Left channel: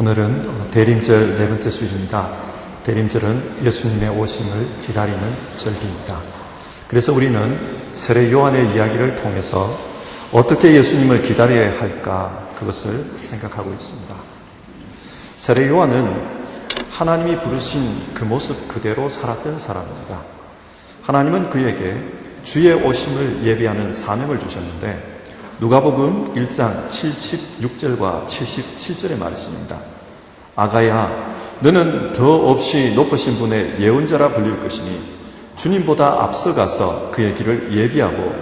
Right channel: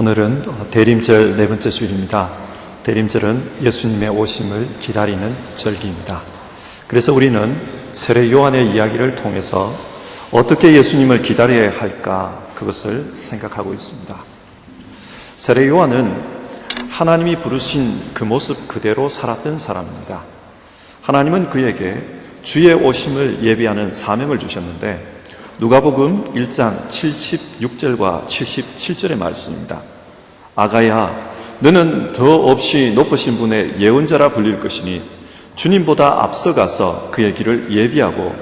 오늘은 대림절 네 번째 주일입니다. 대림절은 예수님의 오심을 기다리는 절기입니다. 그래서 우리는 세례 요한의 이야기를 통해서 어떻게 예수님을 기다려야 할까 그것을 생각하고 있습니다. 세례 요한은 하나님이 부르신 그 모습 그대로 살았던 사람입니다. 하나님은 그에게 주의 오심을 예비하는 사명을 주셨는데 누가복음 1장 76절과 77절의 말씀입니다. 아가야, 너는 더 없이 높으신 분의 예언자라 불릴 것이니 주님보다 앞서가서 그의 길을 예비하고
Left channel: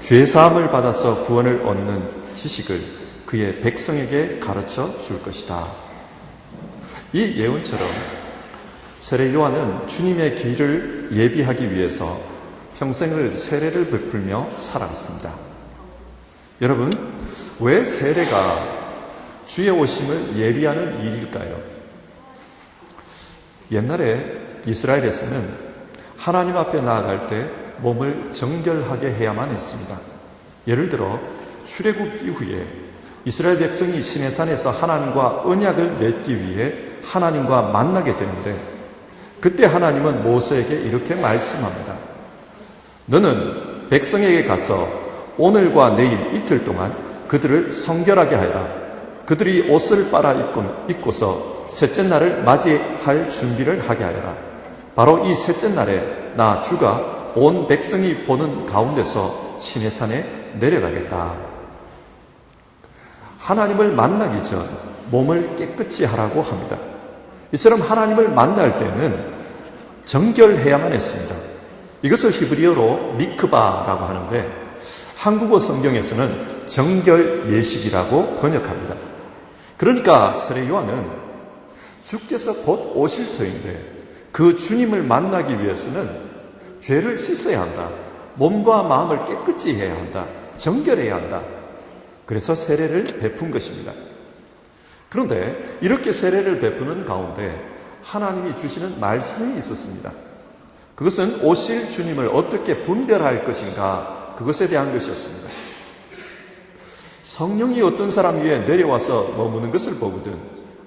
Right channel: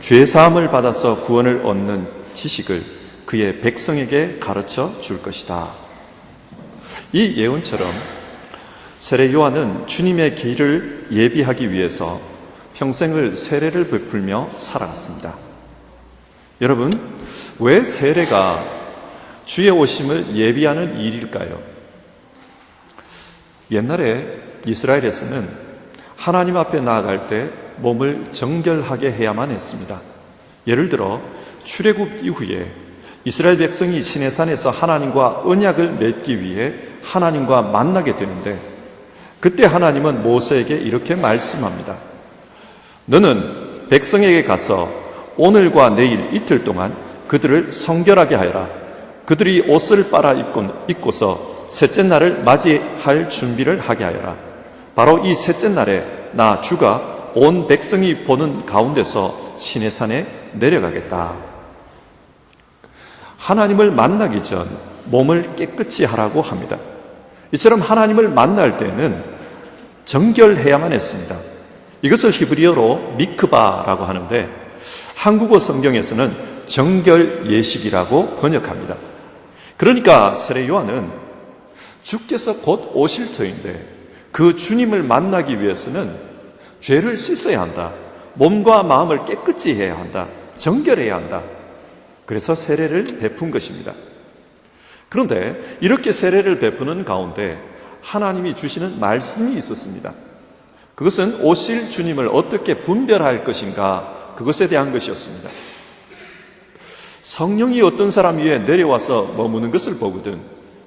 죄사함을 받아서 구원을 얻는 지식을 그의 백성에게 가르쳐 줄 것이다. 이 예언처럼 세례 요한은 주님의 길을 예비하기 위해서 평생을 세례를 베풀며 살아갔습니다. 여러분, 왜 세례가 주의 오심을 예비하는 일일까요? 옛날에 이스라엘에서는 하나님 앞에 나아갈 때 몸을 정결하게 해야만 했습니다. 예를 들어 출애굽 이후에 이스라엘 백성이 시내산에서 하나님과 언약을 맺기 위해 하나님과 만나게 되는데 그때 하나님은 모세에게 이렇게 말씀합니다. 너는 백성에게 가서 오늘과 내일 이틀 동안 그들을 성결하게 하여라. 그들이 옷을 빨아 입고서 셋째 날을 맞이할 준비를 하게 하여라. 바로 이 셋째 날에 나 주가 온 백성이 보는 가운데서 시내산에 내려가겠다. 하나님을 만나기 전 몸을 깨끗이 하라고 합니다. 이처럼 하나님을 만날 때는 정결해야만 했습니다. 이것을 히브리어로 미크바라고 하는데 한국어 성경에서는 정결 예식이라고 번역합니다. 그러니까 세례 요한은 주께서 곧 오실 터인데 그 주님을 만나기 위해서는 죄를 씻어야 한다. 몸과 마음을 깨끗이 해야 한다. 정결해야 한다. 그래서 세례를 베푼 것입니다. 그런데 이렇게 세례를 베푸는 가운데 하나님이 주시는 말씀이 있었습니다. 그것은 오실 주님을 어떻게 분별할 것인가 그것에 대한 것이었습니다. 성령이 어떤 사람 위에 내려와서 머무는 것을 보거든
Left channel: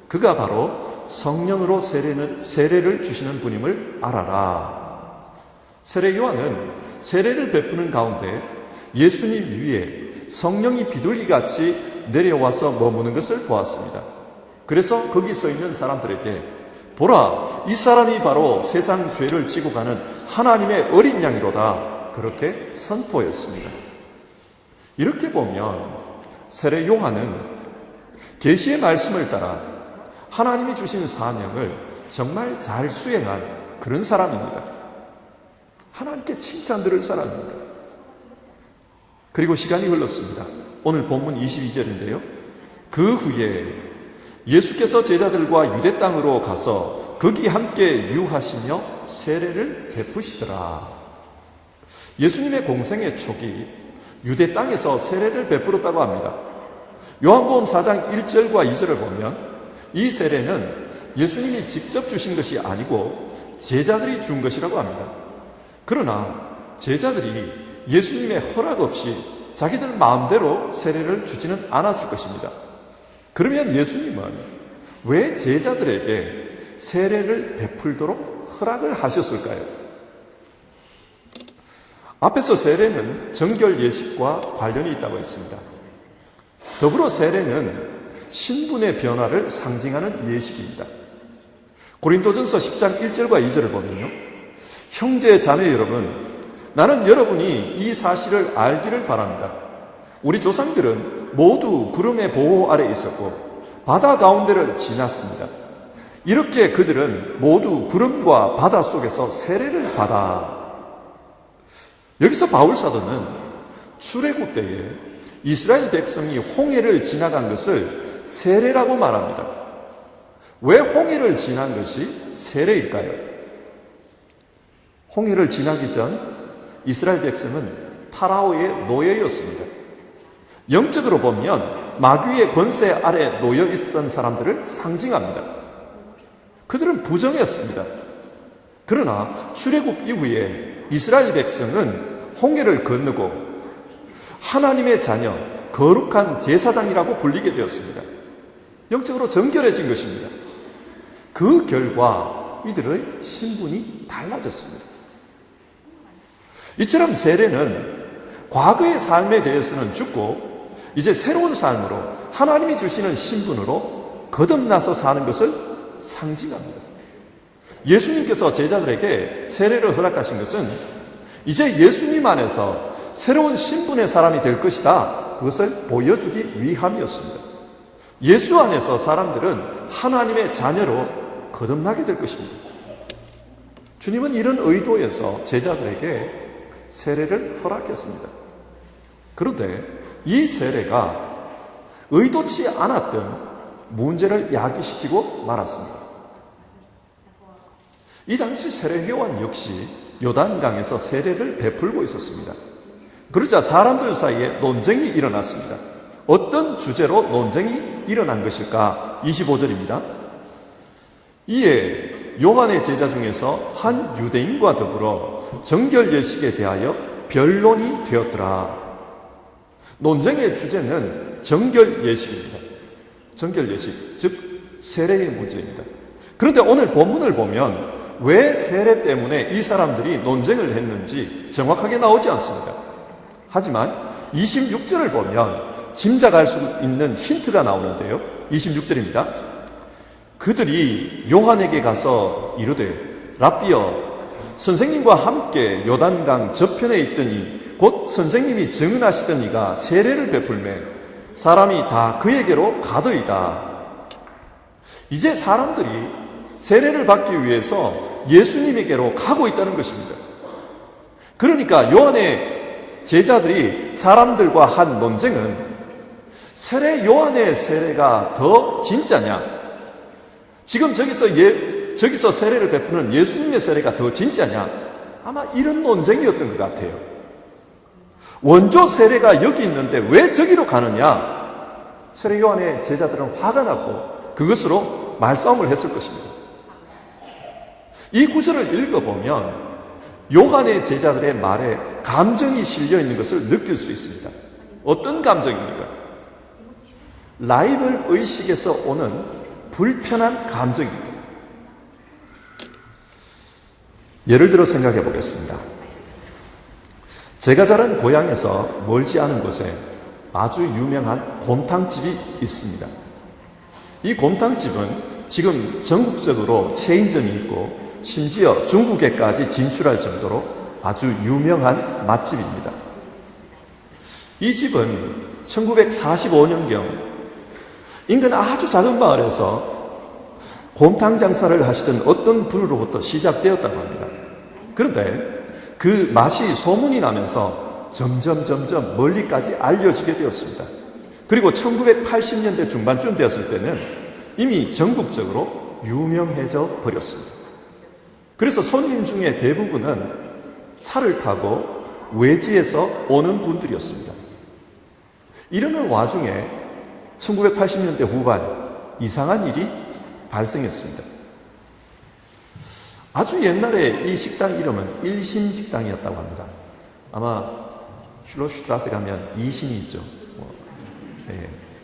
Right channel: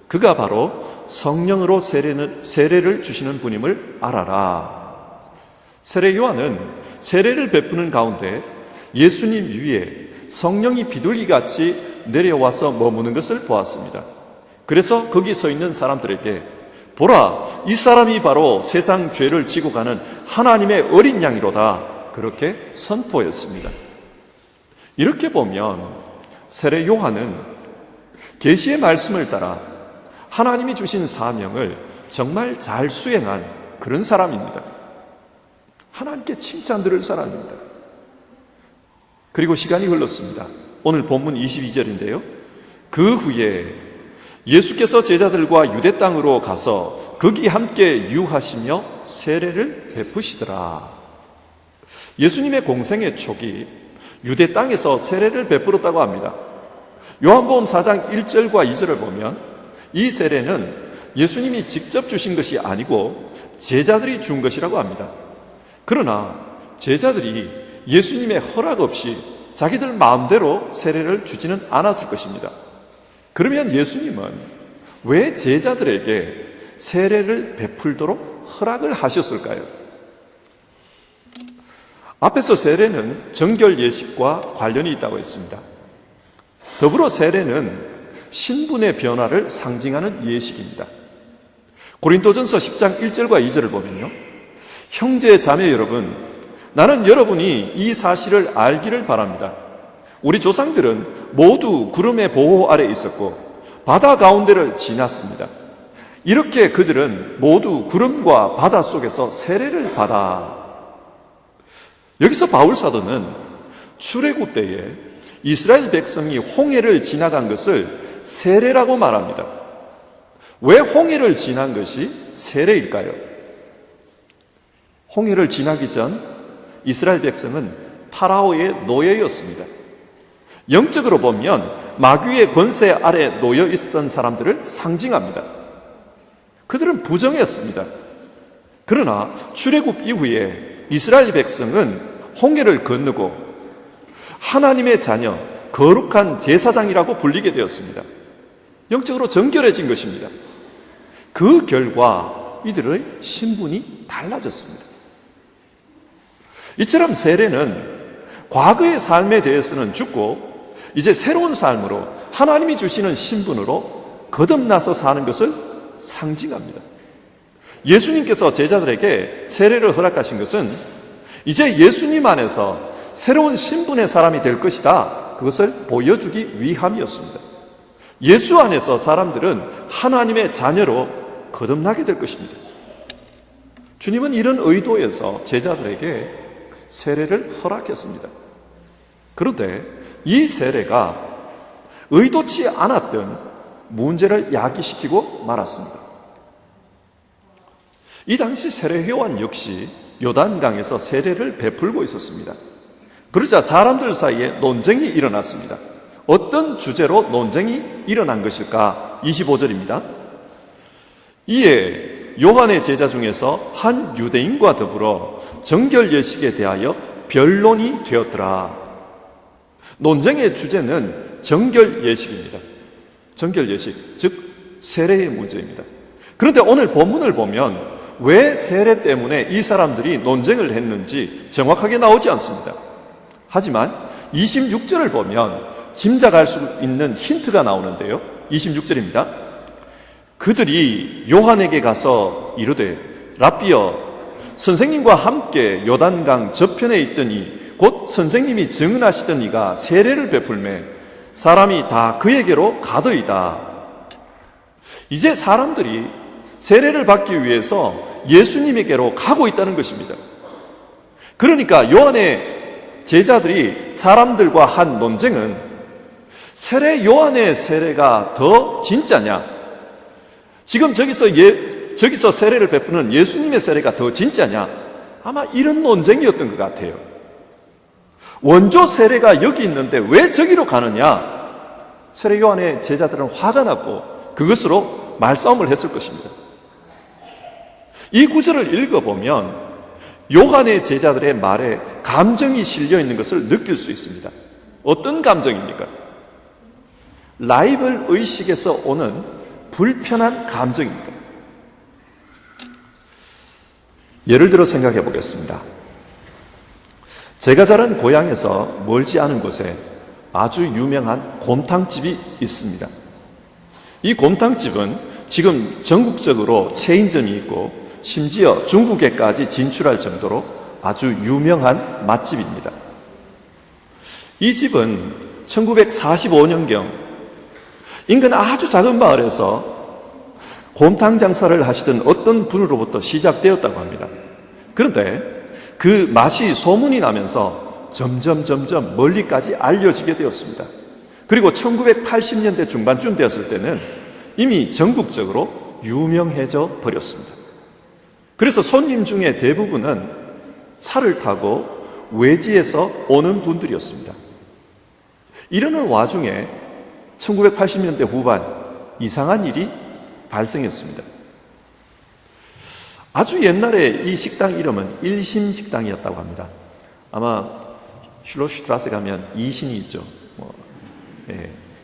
그가 바로 성령으로 세례를 주시는 분임을 알아라. 세례 요한은 세례를 베푸는 가운데 예수님 위에 성령이 비둘기같이 내려와서 머무는 것을 보았습니다. 그래서 거기 서 있는 사람들에게 보라, 이 사람이 바로 세상 죄를 지고 가는 하나님의 어린 양이로다. 그렇게 선포했습니다. 이렇게 보면 세례 요한은 계시의 말씀을 따라 하나님이 주신 사명을 정말 잘 수행한 그런 사람입니다. 하나님께 칭찬 들을 사람입니다. 그리고 시간이 흘렀습니다. 오늘 본문 22절인데요. 그 후에 예수께서 제자들과 유대 땅으로 가서 거기 함께 유하시며 세례를 베푸시더라. 예수님의 공생의 초기 유대 땅에서 세례를 베풀었다고 합니다. 요한복음 4장 1절과 2절을 보면 이 세례는 예수님이 직접 주신 것이 아니고 제자들이 준 것이라고 합니다. 그러나 제자들이 예수님의 허락 없이 자기들 마음대로 세례를 주지는 않았을 것입니다. 그러면 예수님은 왜 제자들에게 세례를 베풀도록 허락을 하셨을까요? 앞에서 세례는 정결 예식과 관련이 있다고 했습니다. 더불어 세례는 신분의 변화를 상징하는 예식입니다. 고린도전서 10장 1절과 2절을 보면요. 형제 자매 여러분, 나는 여러분이 이 사실을 알기를 바랍니다. 우리 조상들은 모두 구름의 보호 아래 있었고 바다 가운데를 지났습니다. 이렇게 그들은 모두 구름과 바다 속에서 세례를 받아 여기서 바울 사도는 출애굽 때에 이스라엘 백성이 홍해를 지나간 것을 세례라고 말합니다. 왜 홍해를 지난 것이 세례일까요? 홍해를 지나기 전 이스라엘 백성은 파라오의 노예였습니다. 영적으로 보면 마귀의 권세 아래 놓여 있었던 사람들을 상징합니다. 그들은 부정했습니다. 그러나 출애굽 이후에 이스라엘 백성은 홍해를 건너고 하나님의 자녀, 거룩한 제사장이라고 불리게 되었습니다. 영적으로 정결해진 것입니다. 그 결과 이들의 신분이 달라졌습니다. 이처럼 세례는 과거의 삶에 대해서는 죽고 이제 새로운 삶으로 하나님이 주시는 신분으로 거듭나서 사는 것을 상징합니다. 예수님께서 제자들에게 세례를 허락하신 것은 이제 예수님 안에서 새로운 신분의 사람이 될 것이다, 그것을 보여주기 위함이었습니다. 예수 안에서 사람들은 하나님의 자녀로 거듭나게 될 것입니다. 주님은 이런 의도에서 제자들에게 세례를 허락했습니다. 그런데 이 세례가 의도치 않았던 문제를 야기시키고 말았습니다. 이 당시 세례 요한 역시 요단강에서 세례를 베풀고 있었습니다. 그러자 사람들 사이에 논쟁이 일어났습니다. 어떤 주제로 논쟁이 일어난 것일까? 25절입니다. 이에 요한의 제자 중에서 한 유대인과 더불어 정결 예식에 대하여 변론이 되었더라. 논쟁의 주제는 정결 예식입니다. 정결 예식, 즉 세례의 문제입니다. 그런데 오늘 본문을 보면 왜 세례 때문에 이 사람들이 논쟁을 했는지 정확하게 나오지 않습니다. 하지만 26절을 보면 짐작할 수 있는 힌트가 나오는데요. 26절입니다. 그들이 요한에게 가서 이르되 랍비여, 선생님과 함께 요단강 저편에 있더니 곧 선생님이 증언하시던 이가 세례를 베풀매 사람이 다 그에게로 가더이다. 이제 사람들이 세례를 받기 위해서 예수님에게로 가고 있다는 것입니다. 그러니까 요한의 제자들이 사람들과 한 논쟁은 세례 요한의 세례가 더 진짜냐, 지금 저기서 세례를 베푸는 예수님의 세례가 더 진짜냐, 아마 이런 논쟁이었던 것 같아요. 원조 세례가 여기 있는데 왜 저기로 가느냐, 세례 요한의 제자들은 화가 났고 그것으로 말싸움을 했을 것입니다. 이 구절을 읽어보면 요한의 제자들의 말에 감정이 실려 있는 것을 느낄 수 있습니다. 어떤 감정입니까? 라이벌 의식에서 오는 불편한 감정입니다. 예를 들어 생각해 보겠습니다. 제가 자란 고향에서 멀지 않은 곳에 아주 유명한 곰탕집이 있습니다. 이 곰탕집은 지금 전국적으로 체인점이 있고 심지어 중국에까지 진출할 정도로 아주 유명한 맛집입니다. 이 집은 1945년경 인근 아주 작은 마을에서 곰탕 장사를 하시던 어떤 분으로부터 시작되었다고 합니다. 그런데 그 맛이 소문이 나면서 점점 멀리까지 알려지게 되었습니다. 그리고 1980년대 중반쯤 되었을 때는 이미 전국적으로 유명해져 버렸습니다. 그래서 손님 중에 대부분은 차를 타고 외지에서 오는 분들이었습니다. 이러는 와중에 1980년대 후반 이상한 일이 발생했습니다. 아주 옛날에 이 식당 이름은 일신식당이었다고 합니다. 아마 슐로슈트라세 가면 이신이 있죠.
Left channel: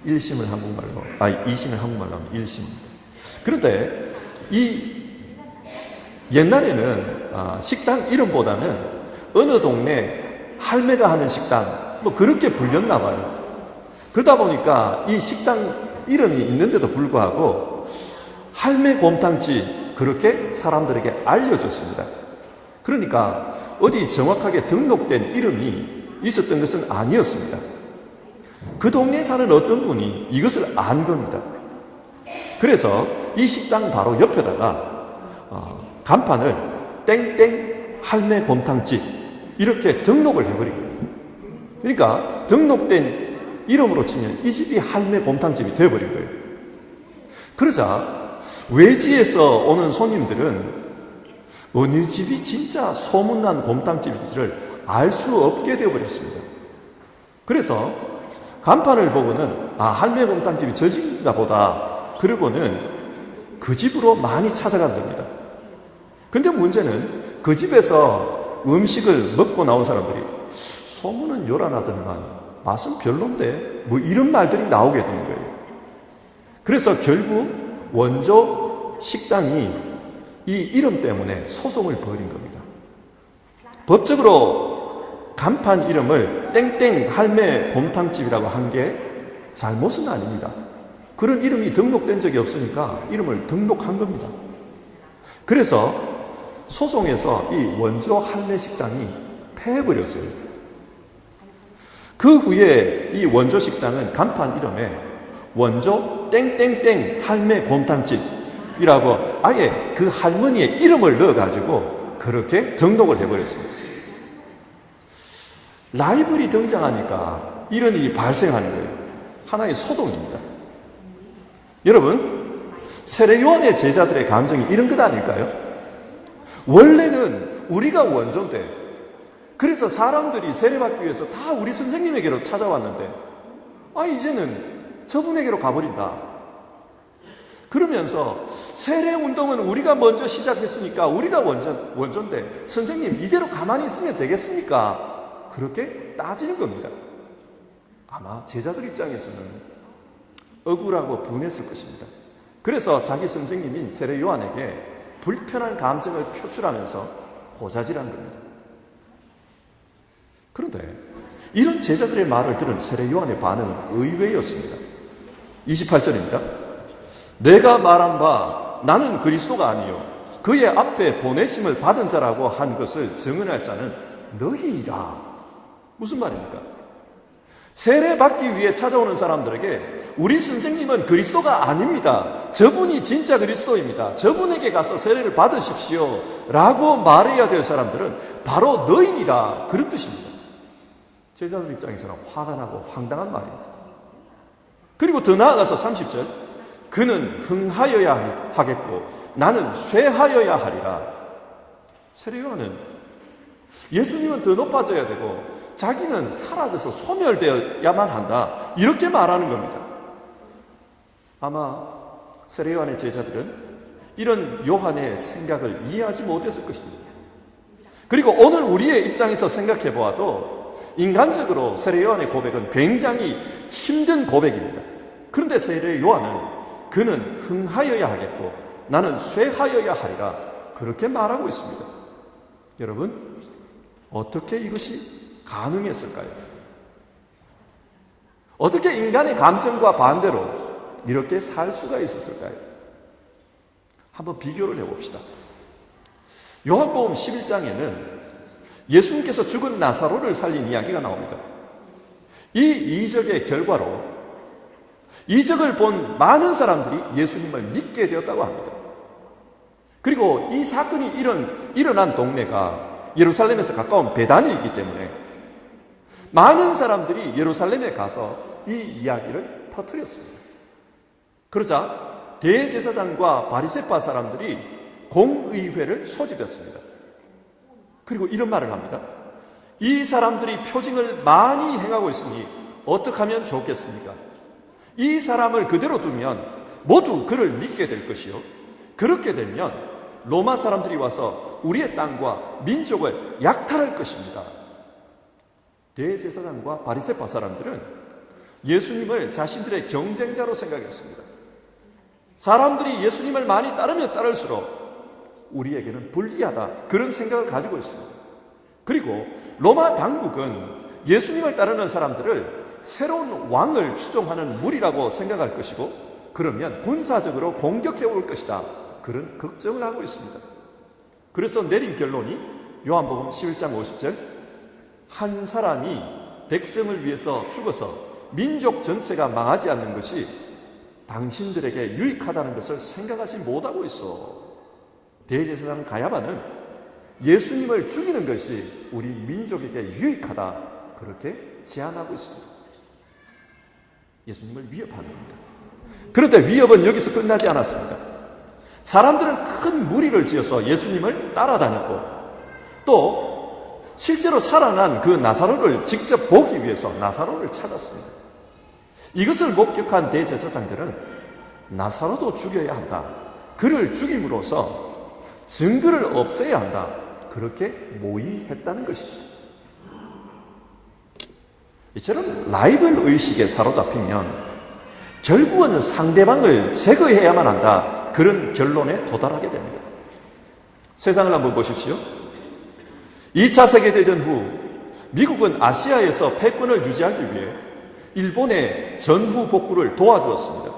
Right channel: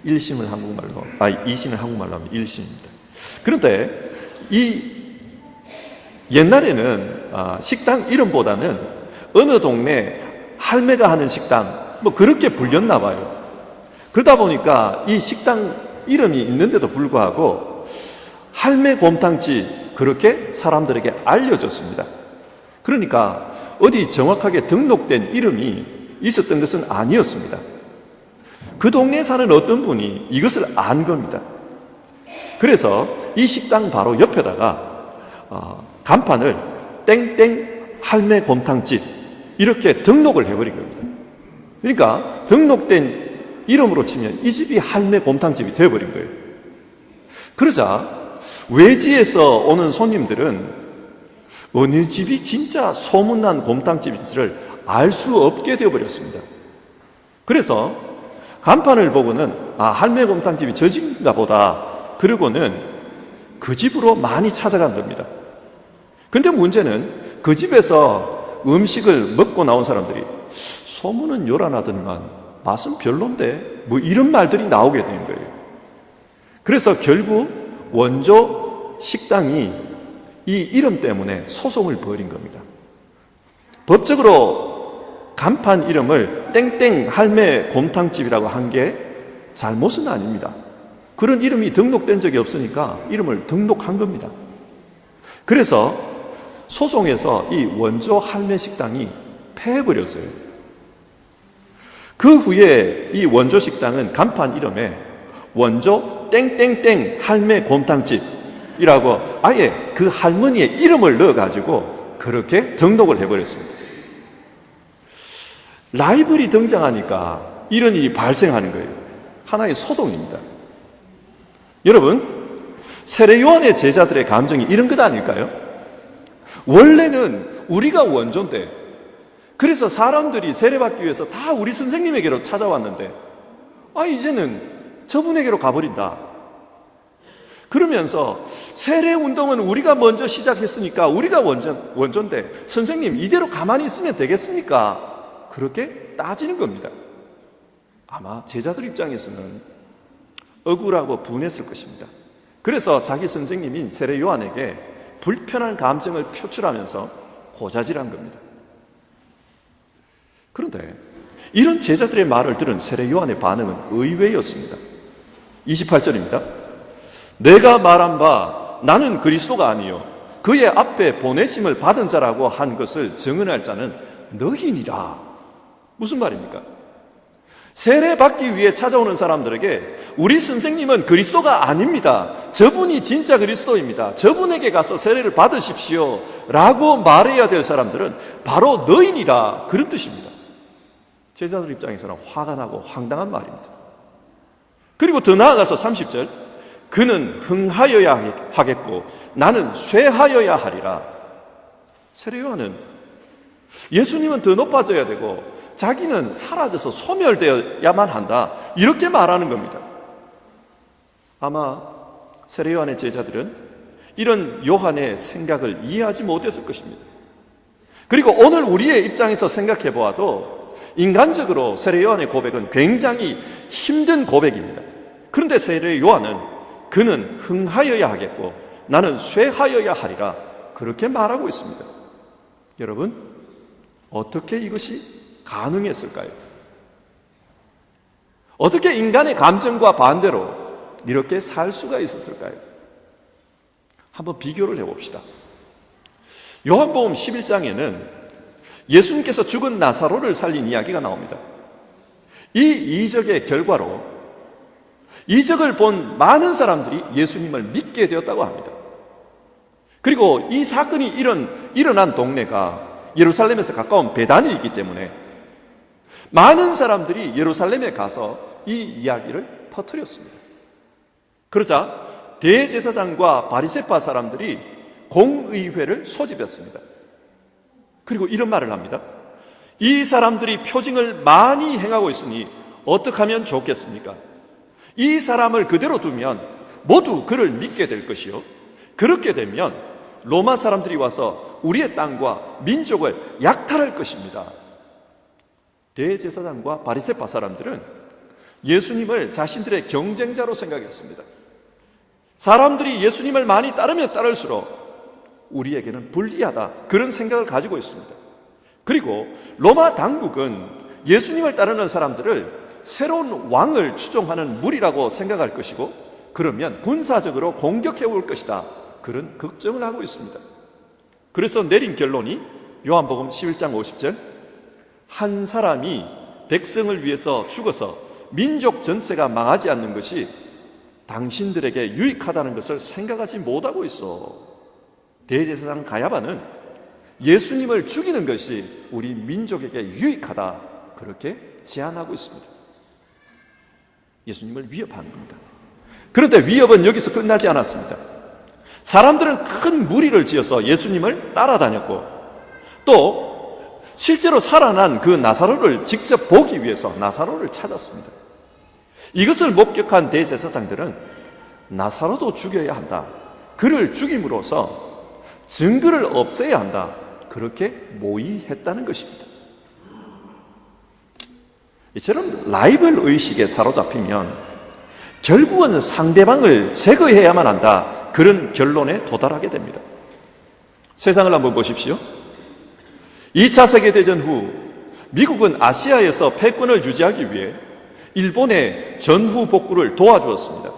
일심을 한국말로, 이신을 한국말로 하면 일심입니다. 그런데 이 옛날에는 식당 이름보다는 어느 동네 할매가 하는 식당, 그렇게 불렸나 봐요. 그러다 보니까 이 식당 이름이 있는데도 불구하고 할매 곰탕집, 그렇게 사람들에게 알려졌습니다. 그러니까 어디 정확하게 등록된 이름이 있었던 것은 아니었습니다. 그 동네에 사는 어떤 분이 이것을 안 겁니다. 그래서 이 식당 바로 옆에다가 간판을 땡땡 할매 곰탕집 이렇게 등록을 해버린 겁니다. 그러니까 등록된 이름으로 치면 이 집이 할매 곰탕집이 되어버린 거예요. 그러자 외지에서 오는 손님들은 어느 집이 진짜 소문난 곰탕집인지를 알 수 없게 되어버렸습니다. 그래서 간판을 보고는 할매 곰탕집이 저 집인가 보다, 그러고는 그 집으로 많이 찾아간답니다. 근데 문제는 그 집에서 음식을 먹고 나온 사람들이 소문은 요란하더니만 맛은 별론데 이런 말들이 나오게 되는 거예요. 그래서 결국 원조 식당이 이 이름 때문에 소송을 벌인 겁니다. 법적으로 간판 이름을 땡땡 할매 곰탕집이라고 한 게 잘못은 아닙니다. 그런 이름이 등록된 적이 없으니까 이름을 등록한 겁니다. 그래서 소송에서 이 원조 할매 식당이 패해버렸어요. 그 후에 이 원조 식당은 간판 이름에 원조 땡땡땡 할매 곰탕집이라고 아예 그 할머니의 이름을 넣어가지고 그렇게 등록을 해버렸습니다. 라이벌이 등장하니까 이런 일이 발생하는 거예요. 하나의 소동입니다. 여러분, 세례 요한의 제자들의 감정이 이런 것 아닐까요? 원래는 우리가 원조인데, 그래서 사람들이 세례받기 위해서 다 우리 선생님에게로 찾아왔는데, 이제는 저분에게로 가버린다. 그러면서 세례 운동은 우리가 먼저 시작했으니까 우리가 원조인데, 선생님 이대로 가만히 있으면 되겠습니까? 그렇게 따지는 겁니다. 아마 제자들 입장에서는 억울하고 분했을 것입니다. 그래서 자기 선생님인 세례 요한에게 불편한 감정을 표출하면서 호자질한 겁니다. 그런데 이런 제자들의 말을 들은 세례 요한의 반응은 의외였습니다. 28절입니다. 내가 말한 바 나는 그리스도가 아니요 그의 앞에 보내심을 받은 자라고 한 것을 증언할 자는 너희니라. 무슨 말입니까? 세례받기 위해 찾아오는 사람들에게 우리 선생님은 그리스도가 아닙니다. 저분이 진짜 그리스도입니다. 저분에게 가서 세례를 받으십시오 라고 말해야 될 사람들은 바로 너희니라. 그런 뜻입니다. 제자들 입장에서는 화가 나고 황당한 말입니다. 그리고 더 나아가서 30절 그는 흥하여야 하겠고 나는 쇠하여야 하리라. 세례 요한은 예수님은 더 높아져야 되고 자기는 사라져서 소멸되어야만 한다. 이렇게 말하는 겁니다. 아마 세례 요한의 제자들은 이런 요한의 생각을 이해하지 못했을 것입니다. 그리고 오늘 우리의 입장에서 생각해 보아도 인간적으로 세례 요한의 고백은 굉장히 힘든 고백입니다. 그런데 세례 요한은 그는 흥하여야 하겠고 나는 쇠하여야 하리라. 그렇게 말하고 있습니다. 여러분, 어떻게 이것이 가능했을까요? 어떻게 인간의 감정과 반대로 이렇게 살 수가 있었을까요? 한번 비교를 해봅시다. 요한복음 11장에는 예수님께서 죽은 나사로를 살린 이야기가 나옵니다. 이 이적의 결과로 이적을 본 많은 사람들이 예수님을 믿게 되었다고 합니다. 그리고 이 사건이 일어난 동네가 예루살렘에서 가까운 베다니이기 때문에 많은 사람들이 예루살렘에 가서 이 이야기를 퍼뜨렸습니다. 그러자 대제사장과 바리새파 사람들이 공의회를 소집했습니다. 그리고 이런 말을 합니다. 이 사람들이 표징을 많이 행하고 있으니 어떻게 하면 좋겠습니까? 이 사람을 그대로 두면 모두 그를 믿게 될 것이요 그렇게 되면 로마 사람들이 와서 우리의 땅과 민족을 약탈할 것입니다. 대제사장과 바리새파 사람들은 예수님을 자신들의 경쟁자로 생각했습니다. 사람들이 예수님을 많이 따르면 따를수록 우리에게는 불리하다, 그런 생각을 가지고 있습니다. 그리고 로마 당국은 예수님을 따르는 사람들을 새로운 왕을 추종하는 무리라고 생각할 것이고 그러면 군사적으로 공격해 올 것이다, 그런 걱정을 하고 있습니다. 그래서 내린 결론이 요한복음 11장 50절 한 사람이 백성을 위해서 죽어서 민족 전체가 망하지 않는 것이 당신들에게 유익하다는 것을 생각하지 못하고 있어. 대제사장 가야바는 예수님을 죽이는 것이 우리 민족에게 유익하다, 그렇게 제안하고 있습니다. 예수님을 위협하는 겁니다. 그런데 위협은 여기서 끝나지 않았습니다. 사람들은 큰 무리를 지어서 예수님을 따라다녔고 또 실제로 살아난 그 나사로를 직접 보기 위해서 나사로를 찾았습니다. 이것을 목격한 대제사장들은 나사로도 죽여야 한다, 그를 죽임으로써 증거를 없애야 한다, 그렇게 모의했다는 것입니다. 이처럼 라이벌 의식에 사로잡히면 결국은 상대방을 제거해야만 한다. 그런 결론에 도달하게 됩니다. 세상을 한번 보십시오. 2차 세계대전 후 미국은 아시아에서 패권을 유지하기 위해 일본의 전후 복구를 도와주었습니다.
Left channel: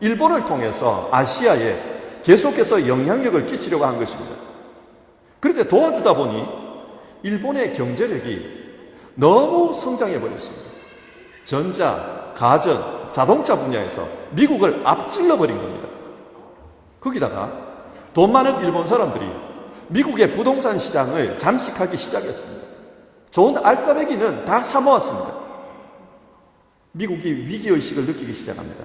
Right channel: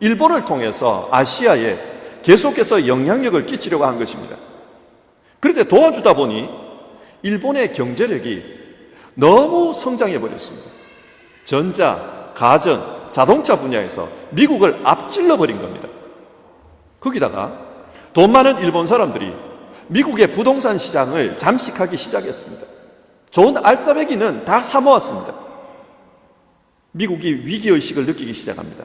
일본을 통해서 아시아에 계속해서 영향력을 끼치려고 한 것입니다. 그런데 도와주다 보니 일본의 경제력이 너무 성장해 버렸습니다. 전자, 가전, 자동차 분야에서 미국을 앞질러 버린 겁니다. 거기다가 돈 많은 일본 사람들이 미국의 부동산 시장을 잠식하기 시작했습니다. 좋은 알짜배기는 다 사모았습니다. 미국이 위기의식을 느끼기 시작합니다.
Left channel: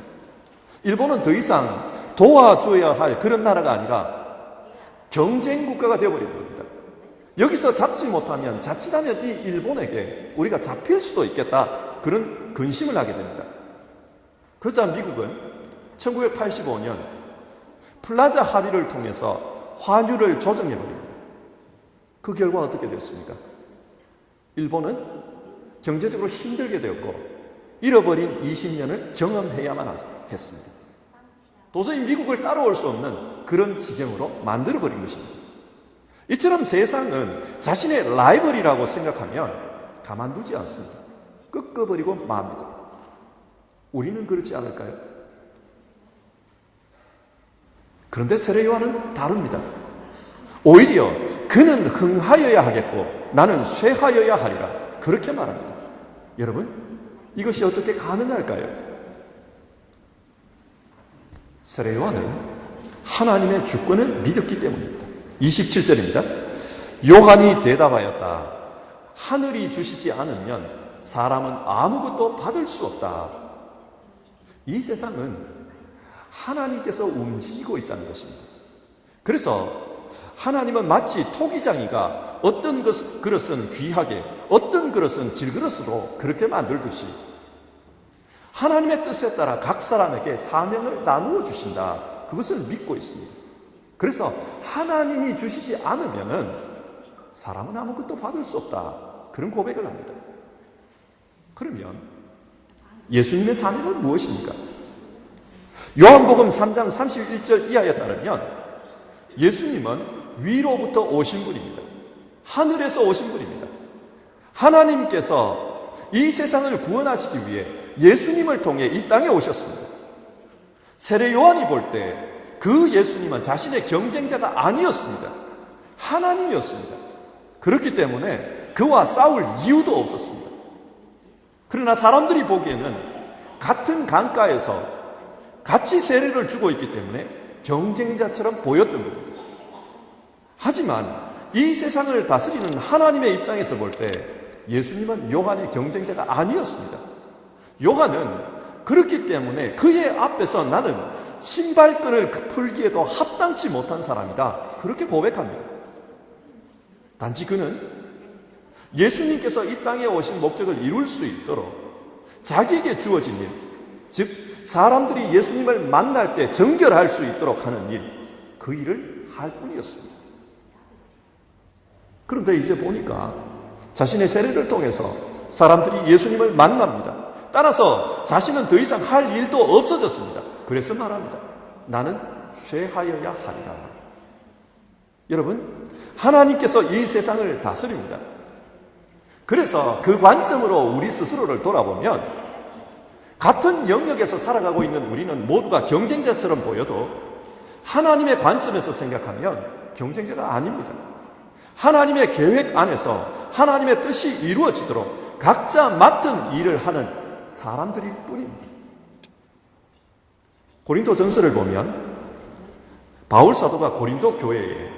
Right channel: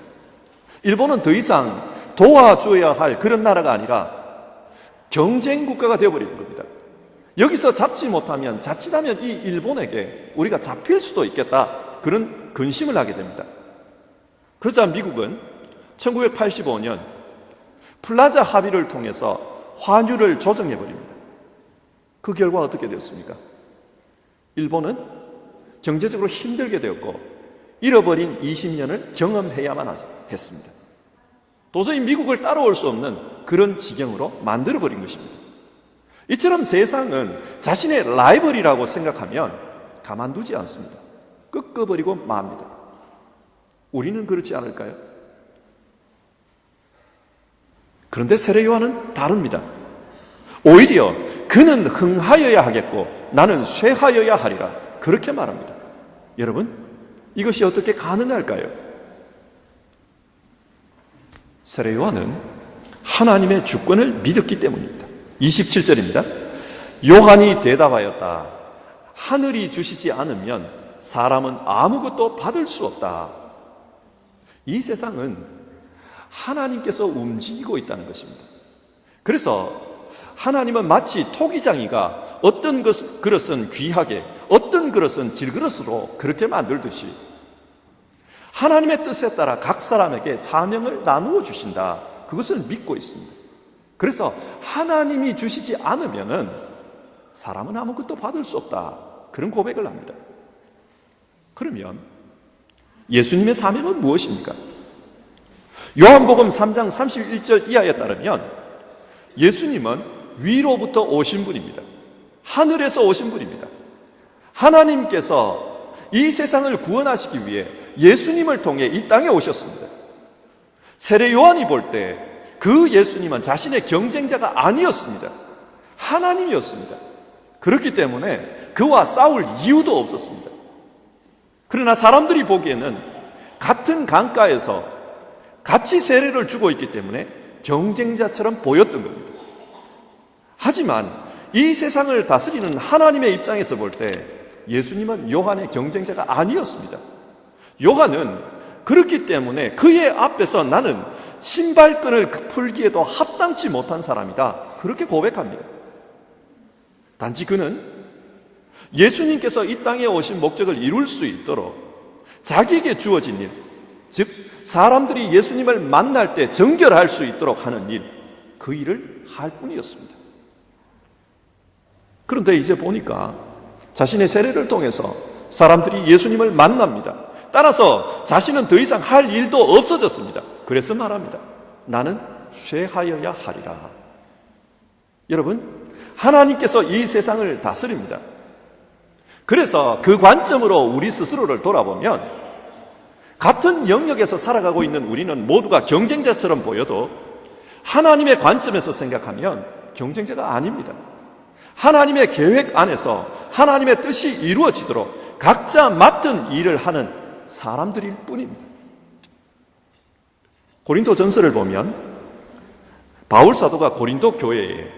일본은 더 이상 도와줘야 할 그런 나라가 아니라 경쟁 국가가 되어버린 겁니다. 여기서 잡지 못하면 자칫하면 이 일본에게 우리가 잡힐 수도 있겠다. 그런 근심을 하게 됩니다. 그러자 미국은 1985년 플라자 합의를 통해서 환율을 조정해버립니다. 그 결과 어떻게 되었습니까? 일본은 경제적으로 힘들게 되었고 잃어버린 20년을 경험해야만 했습니다. 도저히 미국을 따라올 수 없는 그런 지경으로 만들어버린 것입니다. 이처럼 세상은 자신의 라이벌이라고 생각하면 가만두지 않습니다. 꺾어버리고 맙니다. 우리는 그렇지 않을까요? 그런데 세례 요한은 다릅니다. 오히려 그는 흥하여야 하겠고 나는 쇠하여야 하리라. 그렇게 말합니다. 여러분, 이것이 어떻게 가능할까요? 세례 요한은 하나님의 주권을 믿었기 때문입니다. 27절입니다. 요한이 대답하였다. 하늘이 주시지 않으면 사람은 아무것도 받을 수 없다. 이 세상은 하나님께서 움직이고 있다는 것입니다. 그래서 하나님은 마치 토기장이가 어떤 그릇은 귀하게, 어떤 그릇은 질그릇으로 그렇게 만들듯이 하나님의 뜻에 따라 각 사람에게 사명을 나누어 주신다. 그것을 믿고 있습니다. 그래서 하나님이 주시지 않으면은 사람은 아무것도 받을 수 없다. 그런 고백을 합니다. 그러면 예수님의 사명은 무엇입니까? 요한복음 3장 31절 이하에 따르면 예수님은 위로부터 오신 분입니다. 하늘에서 오신 분입니다. 하나님께서 이 세상을 구원하시기 위해 예수님을 통해 이 땅에 오셨습니다. 세례 요한이 볼 때 그 예수님은 자신의 경쟁자가 아니었습니다. 하나님이었습니다. 그렇기 때문에 그와 싸울 이유도 없었습니다. 그러나 사람들이 보기에는 같은 강가에서 같이 세례를 주고 있기 때문에 경쟁자처럼 보였던 겁니다. 하지만 이 세상을 다스리는 하나님의 입장에서 볼 때 예수님은 요한의 경쟁자가 아니었습니다. 요한은 그렇기 때문에 그의 앞에서 나는 신발끈을 풀기에도 합당치 못한 사람이다. 그렇게 고백합니다. 단지 그는 예수님께서 이 땅에 오신 목적을 이룰 수 있도록 자기에게 주어진 일, 즉 사람들이 예수님을 만날 때 정결할 수 있도록 하는 일, 그 일을 할 뿐이었습니다. 그런데 이제 보니까 자신의 세례를 통해서 사람들이 예수님을 만납니다. 따라서 자신은 더 이상 할 일도 없어졌습니다. 그래서 말합니다. 나는 쇠하여야 하리라. 여러분, 하나님께서 이 세상을 다스립니다. 그래서 그 관점으로 우리 스스로를 돌아보면 같은 영역에서 살아가고 있는 우리는 모두가 경쟁자처럼 보여도 하나님의 관점에서 생각하면 경쟁자가 아닙니다. 하나님의 계획 안에서 하나님의 뜻이 이루어지도록 각자 맡은 일을 하는 사람들일 뿐입니다. 고린도 전서를 보면 바울 사도가 고린도 교회에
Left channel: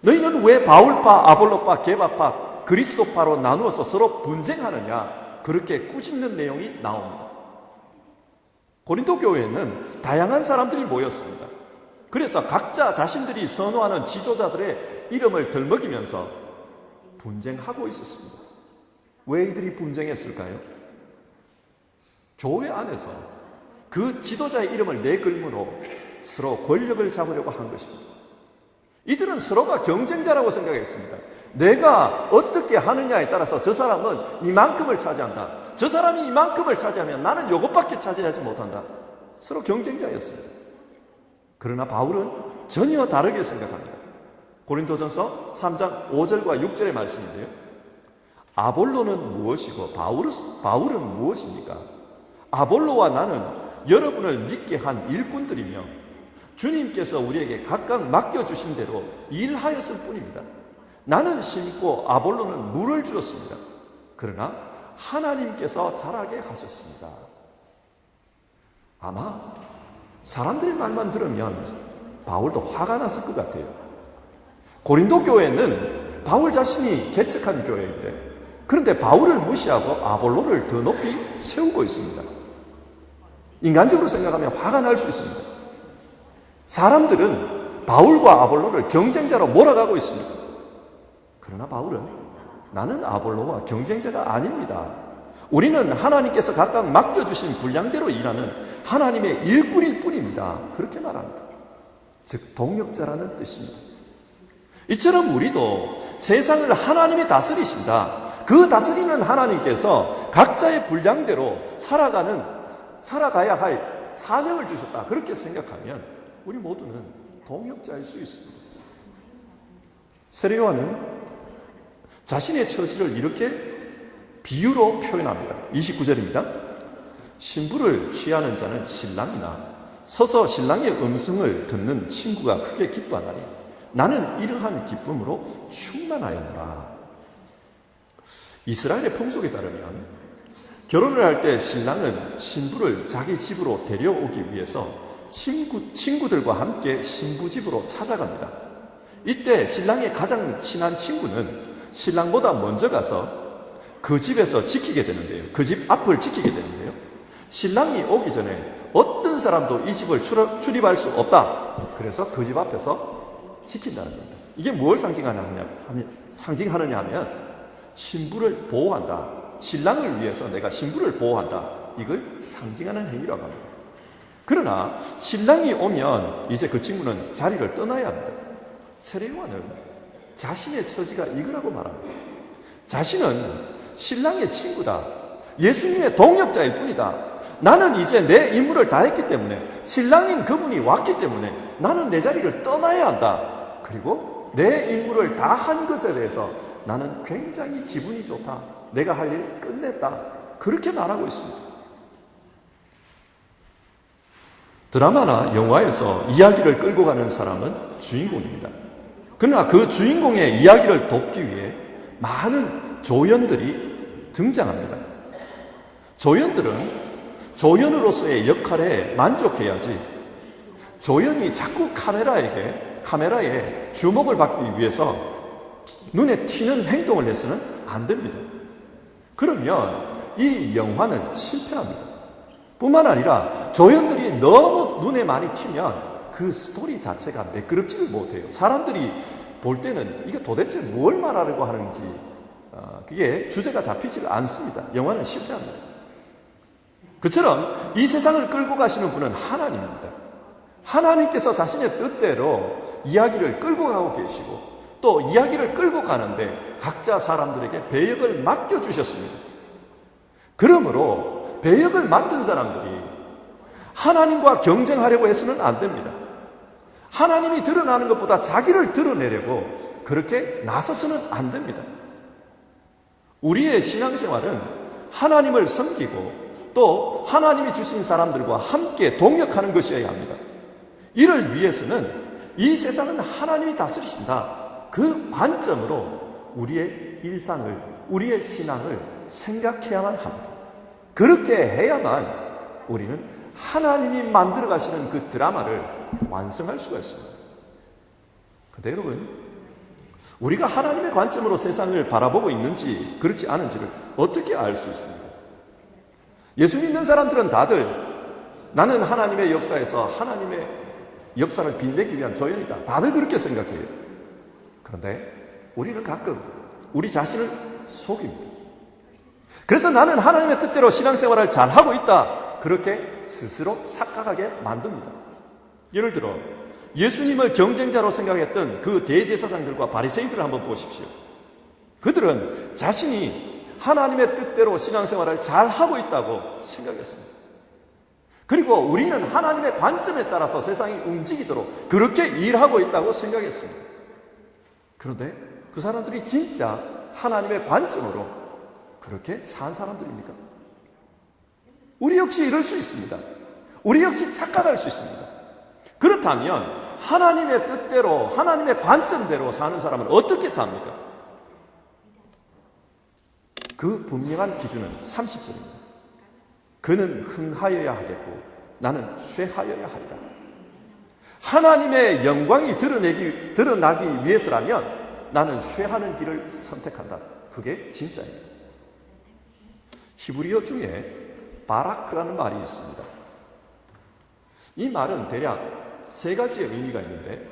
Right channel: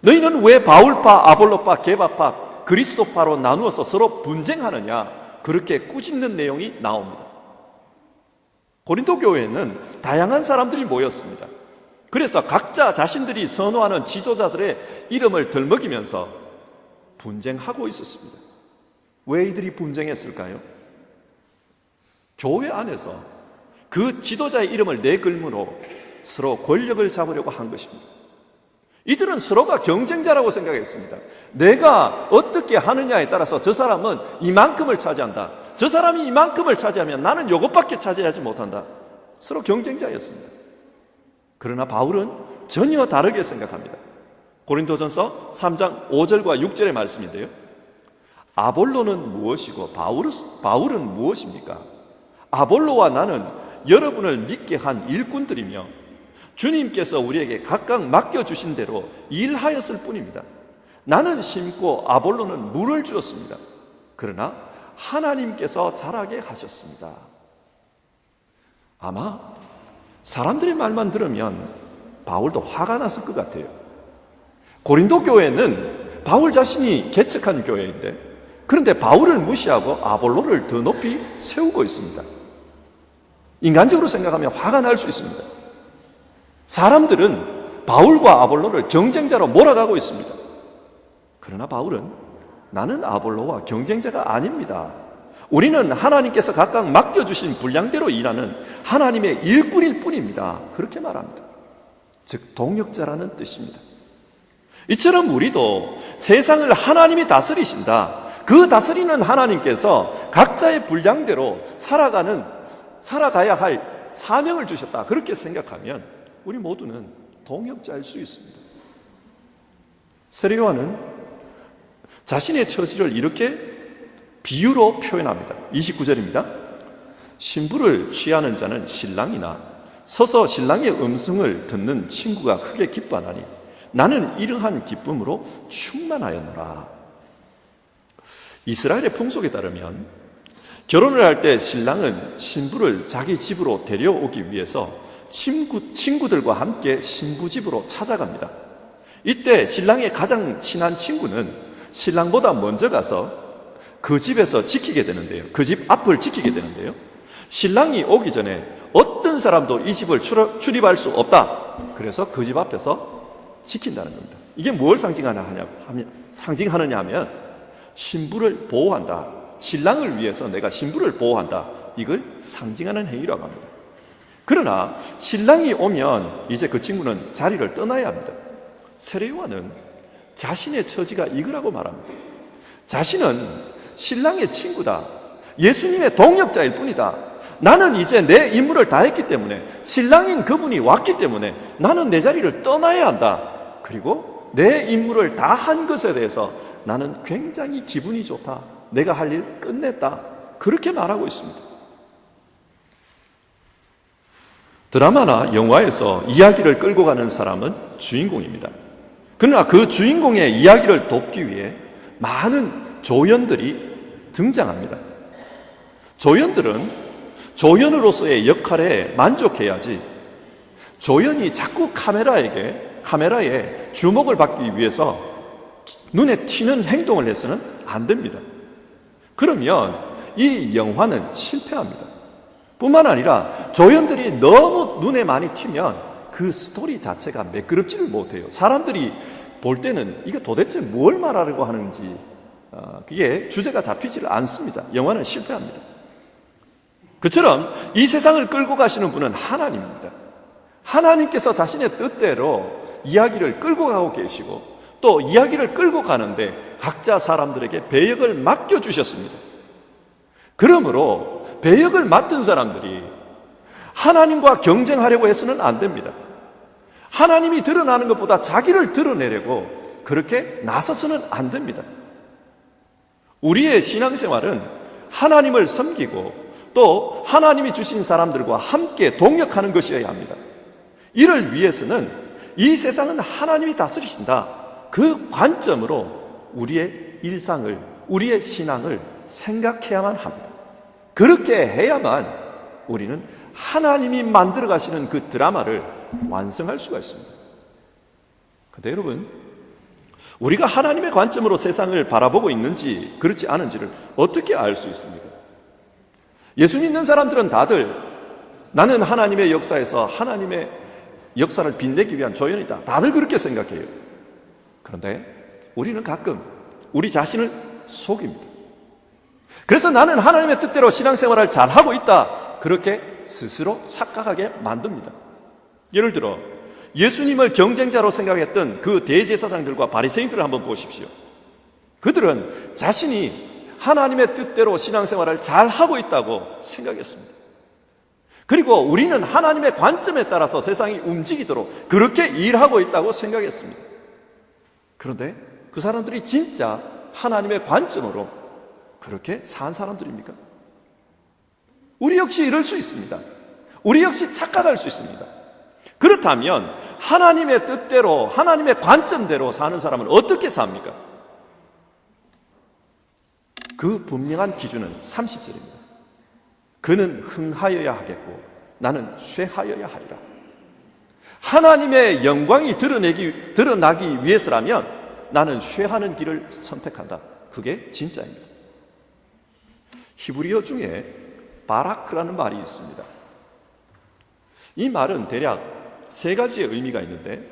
너희는 왜 바울파, 아볼로파, 게바파, 그리스도파로 나누어서 서로 분쟁하느냐 그렇게 꾸짖는 내용이 나옵니다. 고린도 교회에는 다양한 사람들이 모였습니다. 그래서 각자 자신들이 선호하는 지도자들의 이름을 들먹이면서 분쟁하고 있었습니다. 왜 이들이 분쟁했을까요? 교회 안에서 그 지도자의 이름을 내걸음으로 서로 권력을 잡으려고 한 것입니다. 이들은 서로가 경쟁자라고 생각했습니다. 내가 어떻게 하느냐에 따라서 저 사람은 이만큼을 차지한다. 저 사람이 이만큼을 차지하면 나는 이것밖에 차지하지 못한다. 서로 경쟁자였습니다. 그러나 바울은 전혀 다르게 생각합니다. 고린도전서 3장 5절과 6절의 말씀인데요. 아볼로는 무엇이고 바울은 무엇입니까? 아볼로와 나는 여러분을 믿게 한 일꾼들이며 주님께서 우리에게 각각 맡겨주신 대로 일하였을 뿐입니다. 나는 심고 아볼로는 물을 주었습니다. 그러나 하나님께서 자라게 하셨습니다. 아마 사람들의 말만 들으면 바울도 화가 났을 것 같아요. 고린도 교회는 바울 자신이 개척한 교회인데, 그런데 바울을 무시하고 아볼로를 더 높이 세우고 있습니다. 인간적으로 생각하면 화가 날 수 있습니다. 사람들은 바울과 아볼로를 경쟁자로 몰아가고 있습니다. 그러나 바울은 나는 아볼로와 경쟁자가 아닙니다. 우리는 하나님께서 각각 맡겨주신 분량대로 일하는 하나님의 일꾼일 뿐입니다. 그렇게 말합니다. 즉 동역자라는 뜻입니다. 이처럼 우리도 세상을 하나님이 다스리신다. 그 다스리는 하나님께서 각자의 분량대로 살아가야 할 사명을 주셨다. 그렇게 생각하면 우리 모두는 동역자일 수 있습니다. 세례 요한은 자신의 처지를 이렇게 비유로 표현합니다. 29절입니다. 신부를 취하는 자는 신랑이나 서서 신랑의 음성을 듣는 친구가 크게 기뻐하나니 나는 이러한 기쁨으로 충만하였노라. 이스라엘의 풍속에 따르면 결혼을 할 때 신랑은 신부를 자기 집으로 데려오기 위해서 친구들과 함께 신부 집으로 찾아갑니다. 이때 신랑의 가장 친한 친구는 신랑보다 먼저 가서 그 집에서 지키게 되는데요. 그 집 앞을 지키게 되는데요. 신랑이 오기 전에 어떤 사람도 이 집을 출입할 수 없다. 그래서 그 집 앞에서 지킨다는 겁니다. 이게 뭘 상징하느냐 하면 신부를 보호한다. 신랑을 위해서 내가 신부를 보호한다. 이걸 상징하는 행위라고 합니다. 그러나 신랑이 오면 이제 그 친구는 자리를 떠나야 합니다. 세례 요한은 자신의 처지가 이거라고 말합니다. 자신은 신랑의 친구다. 예수님의 동역자일 뿐이다. 나는 이제 내 임무를 다했기 때문에, 신랑인 그분이 왔기 때문에 나는 내 자리를 떠나야 한다. 그리고 내 임무를 다 한 것에 대해서 나는 굉장히 기분이 좋다. 내가 할 일 끝냈다. 그렇게 말하고 있습니다. 드라마나 영화에서 이야기를 끌고 가는 사람은 주인공입니다. 그러나 그 주인공의 이야기를 돕기 위해 많은 조연들이 등장합니다. 조연들은 조연으로서의 역할에 만족해야지 조연이 자꾸 카메라에 주목을 받기 위해서 눈에 튀는 행동을 해서는 안 됩니다. 그러면 이 영화는 실패합니다. 뿐만 아니라 조연들이 너무 눈에 많이 튀면 그 스토리 자체가 매끄럽지를 못해요. 사람들이 볼 때는 이게 도대체 뭘 말하려고 하는지 그게 주제가 잡히질 않습니다. 영화는 실패합니다. 그처럼 이 세상을 끌고 가시는 분은 하나님입니다. 하나님께서 자신의 뜻대로 이야기를 끌고 가고 계시고 또 이야기를 끌고 가는데 각자 사람들에게 배역을 맡겨주셨습니다. 그러므로 배역을 맡은 사람들이 하나님과 경쟁하려고 해서는 안 됩니다. 하나님이 드러나는 것보다 자기를 드러내려고 그렇게 나서서는 안 됩니다. 우리의 신앙생활은 하나님을 섬기고 또 하나님이 주신 사람들과 함께 동역하는 것이어야 합니다. 이를 위해서는 이 세상은 하나님이 다스리신다. 그 관점으로 우리의 일상을, 우리의 신앙을 생각해야만 합니다. 그렇게 해야만 우리는 하나님이 만들어 가시는 그 드라마를 완성할 수가 있습니다. 그런데 여러분, 우리가 하나님의 관점으로 세상을 바라보고 있는지 그렇지 않은지를 어떻게 알 수 있습니까? 예수 믿는 사람들은 다들 나는 하나님의 역사에서 하나님의 역사를 빛내기 위한 조연이다. 다들 그렇게 생각해요. 그런데 우리는 가끔 우리 자신을 속입니다. 그래서 나는 하나님의 뜻대로 신앙생활을 잘하고 있다. 그렇게 스스로 착각하게 만듭니다. 예를 들어 예수님을 경쟁자로 생각했던 그 대제사장들과 바리새인들을 한번 보십시오. 그들은 자신이 하나님의 뜻대로 신앙생활을 잘 하고 있다고 생각했습니다. 그리고 우리는 하나님의 관점에 따라서 세상이 움직이도록 그렇게 일하고 있다고 생각했습니다. 그런데 그 사람들이 진짜 하나님의 관점으로 그렇게 산 사람들입니까? 우리 역시 이럴 수 있습니다. 우리 역시 착각할 수 있습니다. 그렇다면 하나님의 뜻대로, 하나님의 관점대로 사는 사람은 어떻게 삽니까? 그 분명한 기준은 30절입니다. 그는 흥하여야 하겠고 나는 쇠하여야 하리라. 하나님의 영광이 드러나기 위해서라면 나는 쇠하는 길을 선택한다. 그게 진짜입니다. 히브리어 중에 바라크라는 말이 있습니다. 이 말은 대략 세 가지의 의미가 있는데,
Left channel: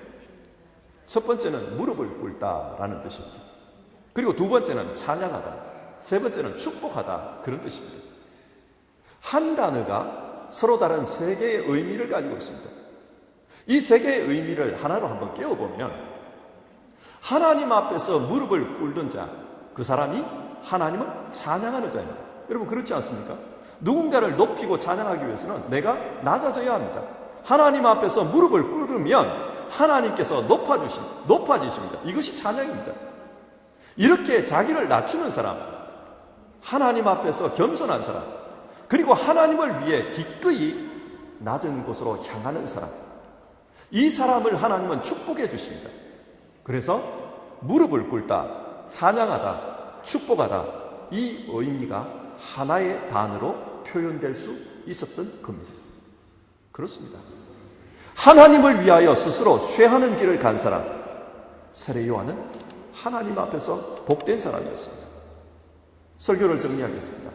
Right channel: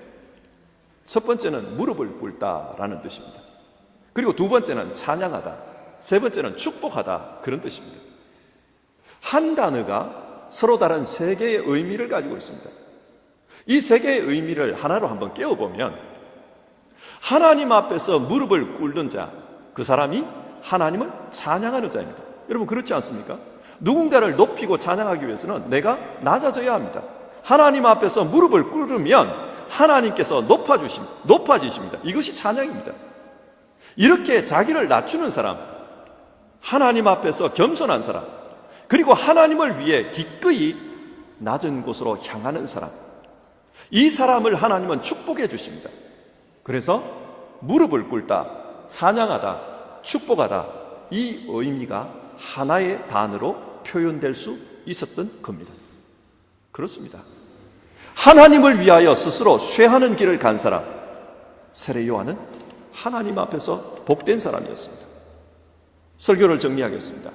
첫 번째는 무릎을 꿇다라는 뜻입니다. 그리고 두 번째는 찬양하다, 세 번째는 축복하다, 그런 뜻입니다. 한 단어가 서로 다른 세 개의 의미를 가지고 있습니다. 이 세 개의 의미를 하나로 한번 깨워보면, 하나님 앞에서 무릎을 꿇는 자, 그 사람이 하나님을 찬양하는 자입니다. 여러분 그렇지 않습니까? 누군가를 높이고 찬양하기 위해서는 내가 낮아져야 합니다. 하나님 앞에서 무릎을 꿇으면 하나님께서 높아지십니다. 이것이 찬양입니다. 이렇게 자기를 낮추는 사람, 하나님 앞에서 겸손한 사람, 그리고 하나님을 위해 기꺼이 낮은 곳으로 향하는 사람, 이 사람을 하나님은 축복해 주십니다. 그래서 무릎을 꿇다, 찬양하다, 축복하다, 이 의미가 하나의 단어로 표현될 수 있었던 겁니다. 그렇습니다. 하나님을 위하여 스스로 쇠하는 길을 간 사람, 세례 요한은 하나님 앞에서 복된 사람이었습니다. 설교를 정리하겠습니다.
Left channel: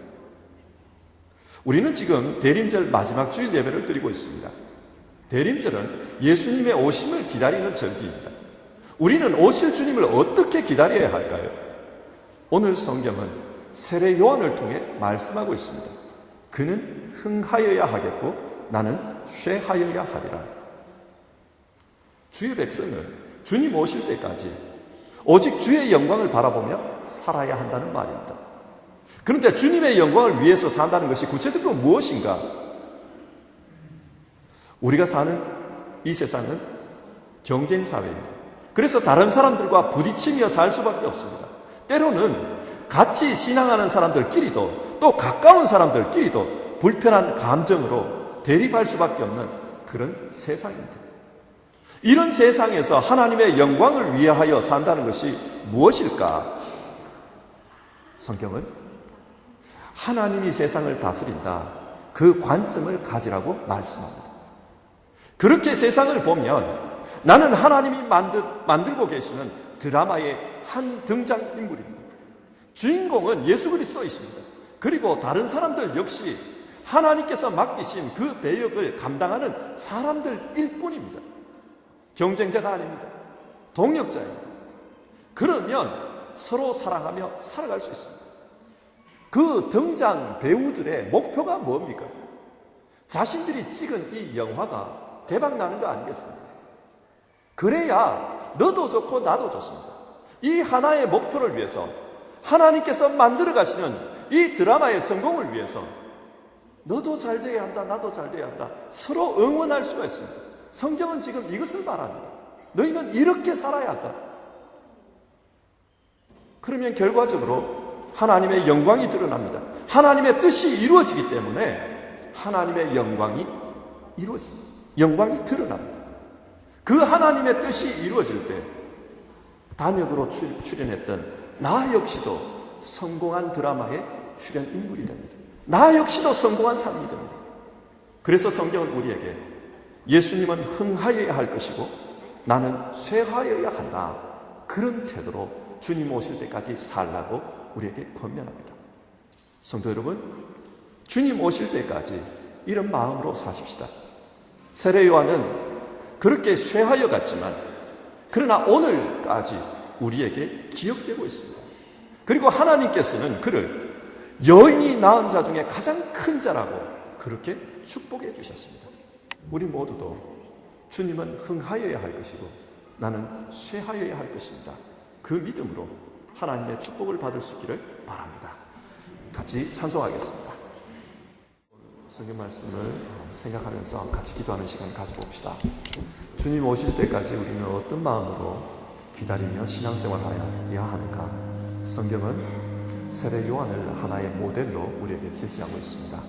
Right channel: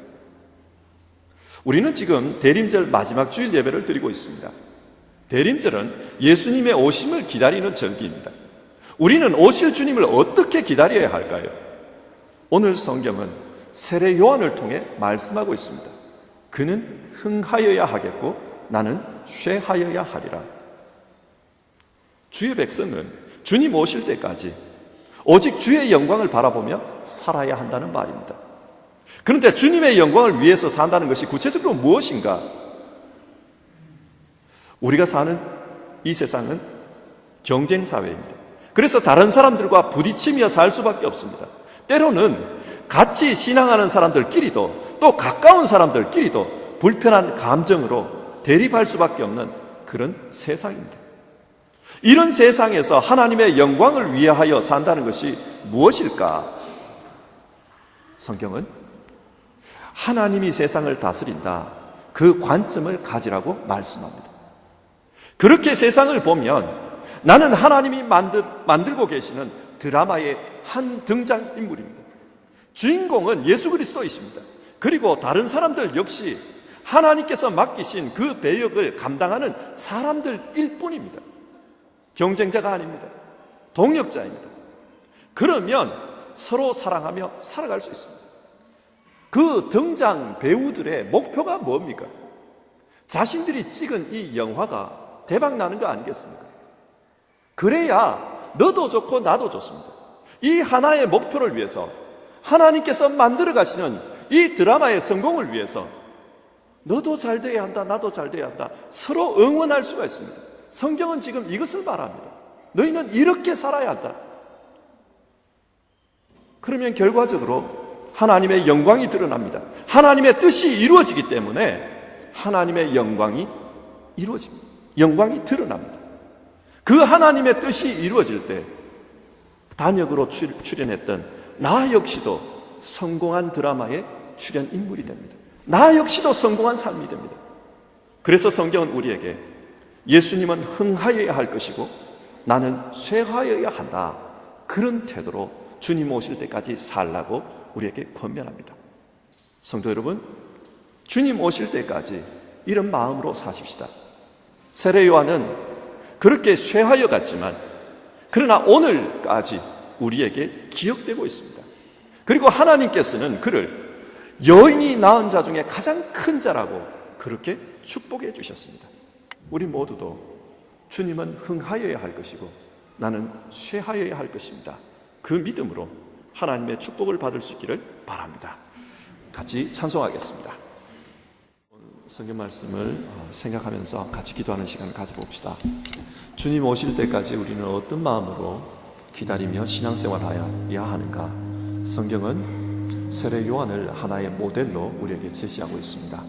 우리는 지금 대림절 마지막 주일 예배를 드리고 있습니다. 대림절은 예수님의 오심을 기다리는 절기입니다. 우리는 오실 주님을 어떻게 기다려야 할까요? 오늘 성경은 세례 요한을 통해 말씀하고 있습니다. 그는 흥하여야 하겠고 나는 쇠하여야 하리라. 주의 백성은 주님 오실 때까지 오직 주의 영광을 바라보며 살아야 한다는 말입니다. 그런데 주님의 영광을 위해서 산다는 것이 구체적으로 무엇인가? 우리가 사는 이 세상은 경쟁 사회입니다. 그래서 다른 사람들과 부딪히며 살 수밖에 없습니다. 때로는 같이 신앙하는 사람들끼리도 또 가까운 사람들끼리도 불편한 감정으로 대립할 수밖에 없는 그런 세상입니다. 이런 세상에서 하나님의 영광을 위하여 산다는 것이 무엇일까? 성경은 하나님이 세상을 다스린다, 그 관점을 가지라고 말씀합니다. 그렇게 세상을 보면 나는 하나님이 만들고 계시는 드라마의 한 등장인물입니다. 주인공은 예수 그리스도이십니다. 그리고 다른 사람들 역시 하나님께서 맡기신 그 배역을 감당하는 사람들일 뿐입니다. 경쟁자가 아닙니다. 동역자입니다. 그러면 서로 사랑하며 살아갈 수 있습니다. 그 등장 배우들의 목표가 뭡니까? 자신들이 찍은 이 영화가 대박 나는 거 아니겠습니까? 그래야 너도 좋고 나도 좋습니다. 이 하나의 목표를 위해서 하나님께서 만들어 가시는 이 드라마의 성공을 위해서 너도 잘 돼야 한다, 나도 잘 돼야 한다, 서로 응원할 수가 있습니다. 성경은 지금 이것을 말합니다. 너희는 이렇게 살아야 한다. 그러면 결과적으로 하나님의 영광이 드러납니다. 하나님의 뜻이 이루어지기 때문에 하나님의 영광이 이루어집니다. 영광이 드러납니다. 그 하나님의 뜻이 이루어질 때 단역으로 출연했던 나 역시도 성공한 드라마의 출연 인물이 됩니다. 나 역시도 성공한 삶이 됩니다. 그래서 성경은 우리에게 예수님은 흥하여야 할 것이고 나는 쇠하여야 한다, 그런 태도로 주님 오실 때까지 살라고 우리에게 권면합니다. 성도 여러분, 주님 오실 때까지 이런 마음으로 사십시다. 세례 요한은 그렇게 쇠하여 갔지만 그러나 오늘까지 우리에게 기억되고 있습니다. 그리고 하나님께서는 그를 여인이 낳은 자 중에 가장 큰 자라고 그렇게 축복해 주셨습니다. 우리 모두도 주님은 흥하여야 할 것이고 나는 쇠하여야 할 것입니다. 그 믿음으로 하나님의 축복을 받을 수 있기를 바랍니다. 같이 찬송하겠습니다. 성경 말씀을 생각하면서 같이 기도하는 시간을 가져봅시다. 주님 오실 때까지 우리는 어떤 마음으로 기다리며 신앙생활해야 하는가? 성경은 세례 요한을 하나의 모델로 우리에게 제시하고 있습니다.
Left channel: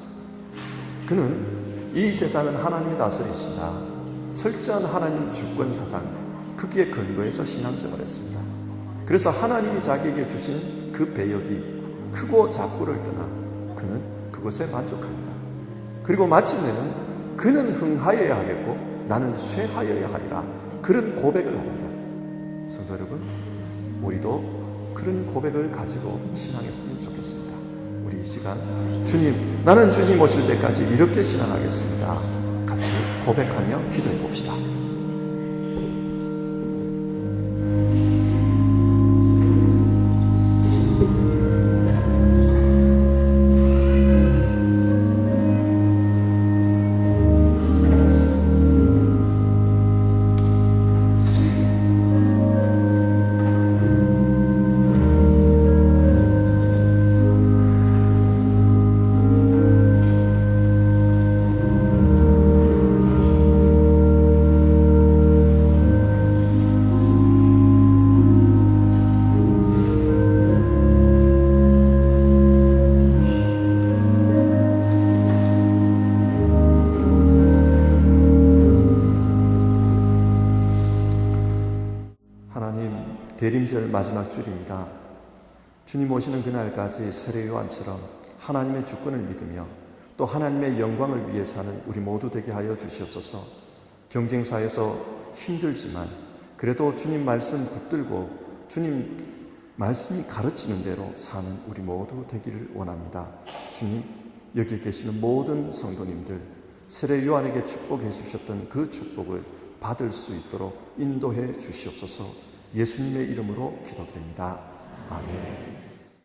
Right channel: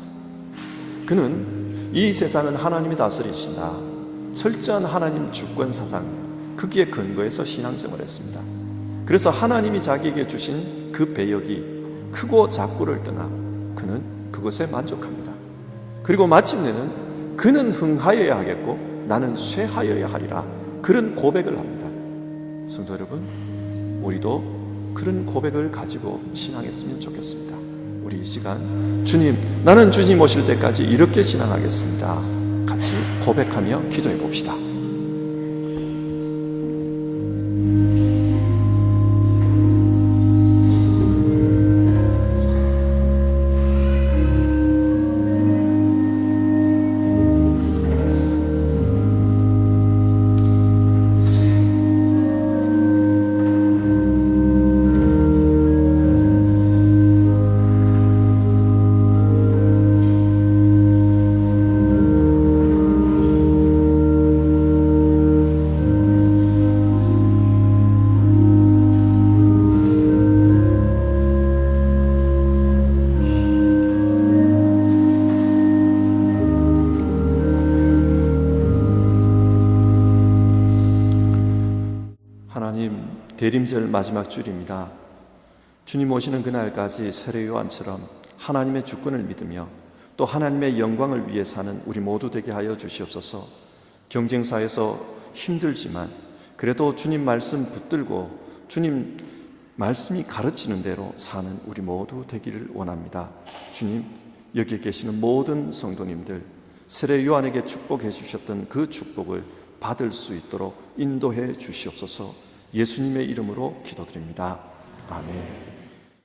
그는 이 세상은 하나님이 다스리신다, 철저한 하나님 주권 사상, 거기에 근거해서 신앙생활을 했습니다. 그래서 하나님이 자기에게 주신 그 배역이 크고 작고를 떠나 그는 그것에 만족합니다. 그리고 마침내는 그는 흥하여야 하겠고 나는 쇠하여야 하리라, 그런 고백을 합니다. 성도 여러분, 우리도 그런 고백을 가지고 신앙했으면 좋겠습니다. 우리 이 시간 주님, 나는 주님 오실 때까지 이렇게 신앙하겠습니다. 같이 고백하며 기도해 봅시다. 대림절 마지막 줄입니다. 주님 오시는 그날까지 세례 요한처럼 하나님의 주권을 믿으며 또 하나님의 영광을 위해 사는 우리 모두 되게 하여 주시옵소서. 경쟁사에서 힘들지만 그래도 주님 말씀 붙들고 주님 말씀이 가르치는 대로 사는 우리 모두 되기를 원합니다. 주님, 여기 계시는 모든 성도님들 세례 요한에게 축복해 주셨던 그 축복을 받을 수 있도록 인도해 주시옵소서. 예수님의 이름으로 기도드립니다. 아멘.